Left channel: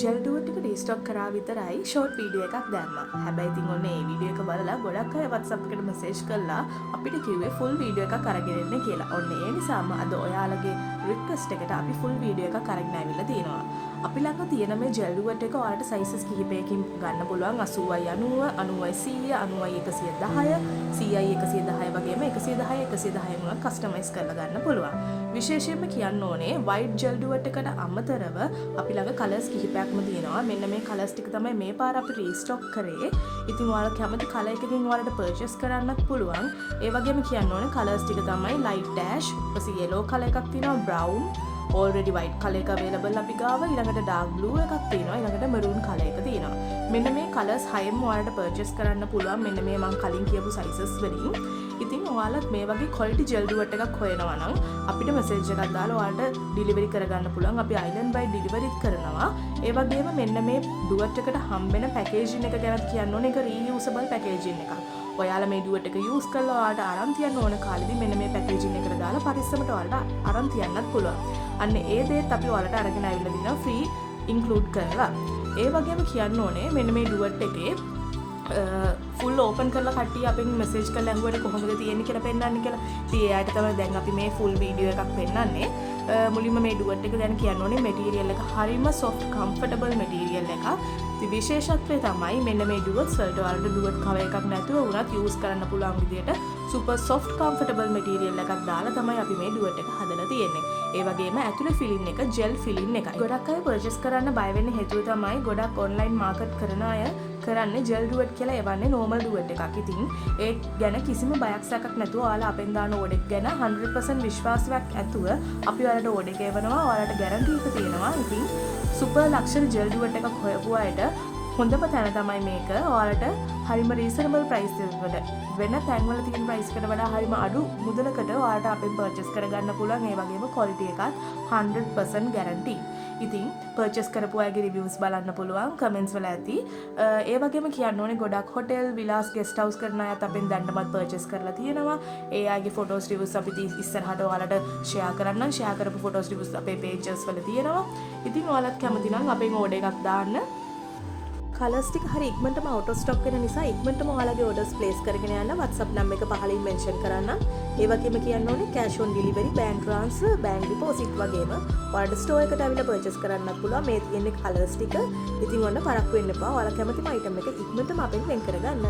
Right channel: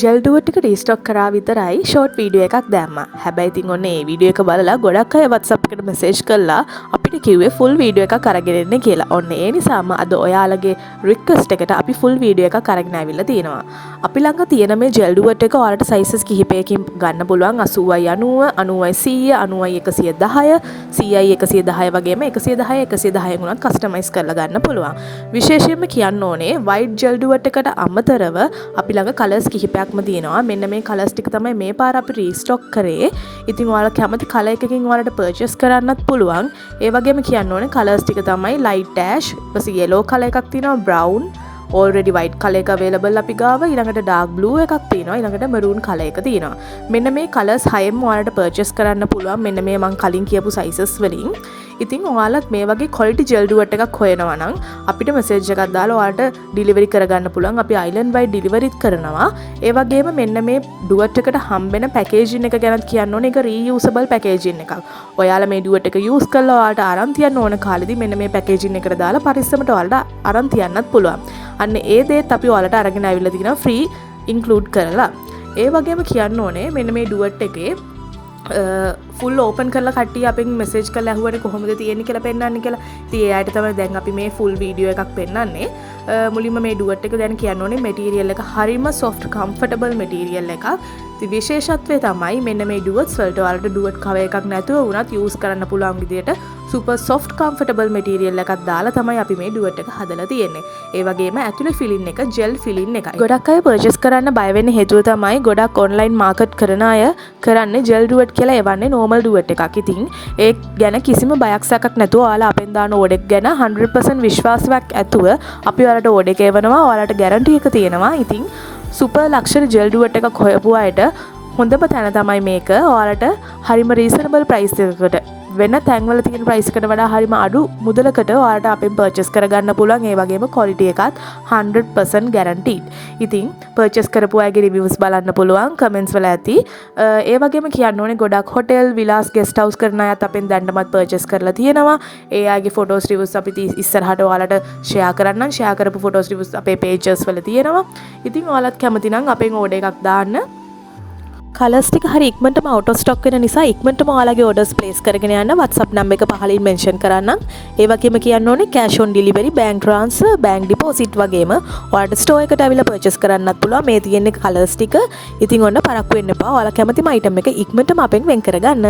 Gel duet එක රීස්ටොක් කරා විතරයි ෂෝට් වීඩියෝ එකක් දැම්මා. හැබැයි ඉතින් ඔන්න ඒ වීඩියෝ එක බලලා ගොඩක් අය WhatsApp එකට මෙසේජ් කළා අපිට කිව්වේ ෆුල් වීඩියෝ එකක් අරගෙන එන්න කියලා. ඔන්න ඒ නිසාම අද ඔයාලගේ රික්වෙස්ට් එකට අපි ෆුල් වීඩියෝ එකක් අරගෙන ආවිල්ලා තියෙනවා. අපි ළඟ තියෙන මේ ජෙල් ඩුවට් එක ඔයාලට සයිසස් කිහිපයකින් ගන්න පුළුවන්. 80යි 90, 90යි 100, 90යි 110, 100යි 110 වගේම 110 110 උනත් කස්ටමයිස් කරලා ගන්න පුළුවන්. විශේෂයෙන්ම කියන්න ඕනේ වයිට් ජෙල් ඩුවට් එකට අමතරව අපි ළඟ කලර්ස් කිහිපයක්ම තියෙනවා. මෙන්න මේ කලර්ස් ටික තමයි මේ පාර අපි රීස්ටොක් කරේ. ඉතින් ඔයාලා කැමති කලර් එකකින් ඔයාලට පර්චේස් කරන්නත් පුළුවන්. ඒ වගේම කියන්න ඕනේ කලර්ස් ටික තමයි ලයිට් ඇෂ්, ඊපස්සේ yellow කලර් එකක් තියෙනවා, brown, already white කලර් එක available අපි ගාව. ඊළඟට dark blue එකක් තියෙනවා. ඊළඟට maroon කලර් එක තියෙනවා. මෙන්න මේ කලර්ස් හයෙම ඔයාලට පර්චේස් කරන්න පුළුවන්. මෙන්න මේ මම කලින් කියපු sizes වලින්. ඉතින් ඔයාලත් මේ වගේ quality gel duet එකක් හොයනවා නම් අපිට message එකක් දාලා ඔයාලට delivery කරගන්න පුළුවන්. අපි island wide deliveryත් කරනවා. ඒ වගේම මෙන්න මේ duet එකට හම්බෙන packaging එක ගැනත් කියන්න ඕනේ. ඒක reusable packaging එකක්. ඔයාලා මේ duet එක use කරලා ඔයාලට අරන් තියන්න ඕන කාලෙදී මෙන්න මේ packaging එකට දාලා පරිස්සමට ඔයාලට අරන් තියන්නත් පුළුවන්. අන්න ඒ දේත් අපි ඔයාලට අරගෙන ආවිල්ලා තියෙනවා free include කරලා. ඒ වගේම කියන්න ඕනේ මෙන්න මේ duet එකේ ෆුල් ඕපන් කරලා කට්ටිය අපෙන් මෙසේජ් කරලා අහුවට කොහොමද තියෙන්නේ කියලා පෙන්නන්න කියලා. ඉතින් ඒ අයට තමයි දැන් අපි මේ ෆුල් වීඩියෝ එකක් පෙන්නන්නේ. මුලින්ම මේ ඩුවට් එක දැන් කියන්න ඕනේ මැටීරියල් එක හරිම soft comfortable මැටීරියල් එකක්. ඉතින් විශේෂත්වය තමයි මෙන්න මේ ඩුවට්ස් වලට ඔයාලට ඩුවට් කවර් එකක් නැතුව වුණත් යූස් කරන්න පුළුවන් විදියට super soft comfortable මැටීරියල් එකක් දාලා තමයි අපි මේ ඩුවට් එක හදලා තියෙන්නේ. ඒ වගේම ඇතුලේ ෆිලින් එක ජෙල් ෆිලින් එකයි. ගොඩක් අය පර්චේස් කරන්න බය වෙන්න හේතුව තමයි ගොඩක් ඔන්ලයින් මාකට් කරන අය කරන්නේ ජෙල් ඩුවට් කියලා එවන්නේ normal ඩුවට් එකක්. ඉතින් ඒ ගැන කිසිම බයක් සැකක් නැතුව ඔයාලා අපෙන් දාන ඕඩර් එක ගැන 100% විශ්වාසයක් ඇතුව අපි ඔයාලට ඕඩර් එක එවනවා. ඔයාලට ගැරන්ටි එක තියෙනවා. ඉතින් සුපර් ලක්ෂරි ජෙල් ඩුවට් එකක් හොයපු අයට හොඳම තැන තමයි මේක. ඔයාලට හරිම රීසනබල් ප්‍රයිස් එකකට වෙන තැන්වල තියෙන ප්‍රයිස් එකට වඩා හරිම අඩු මුදලකට ඔයාලට අපෙන් පර්චේස් කරගන්න පුළුවන්. ඒ වගේම ක්වොලිටි එකත් 100% guaranteed. ඉතින් පර්චේස් කරපු අයගේ රිවිව්ස් බලන්න පුළුවන් කමෙන්ට්ස් වල ඇති. ඒ වගේම කියන්න ඕනේ ගොඩක් හොටෙල් විලාස් ගෙස්ට් හවුස් කරන අයත් අපෙන් දැන්නමත් පර්චේස් කරලා තියෙනවා. ඒ අයගේ ෆොටෝස් රිවිව්ස් අපි ඉස්සරහට ඔයාලට ෂෙයා කරන්නම්. ෂෙයා කරපු ෆොටෝස් රිවිව්ස් අපේ පේජස් වල තියෙනවා. ඉතින් ඔයාලත් කැමති නම් අපෙන් ඕඩර් එකක් දාන්න. කලර්ස් ටික හරි ඉක්මනටම out of stock වෙන නිසා ඉක්මනටම ඔයාලගේ orders place කරගෙන යන්න WhatsApp number එක පහලින් mention කරන්නම්. ඒ වගේම කියන්න ඕනේ cash on delivery, bank transfer, bank deposit වගේම ඔයාලට store එකට අවිලා purchase කරන්නත් පුළුවන්. මේ තියෙන කලර්ස් ටික. ඉතින් ඔන්න පරක්කු වෙන්න එපා. ඔයාලා කැමතිම item එක ඉක්මනටම අපෙන් වෙන් කරගන්න.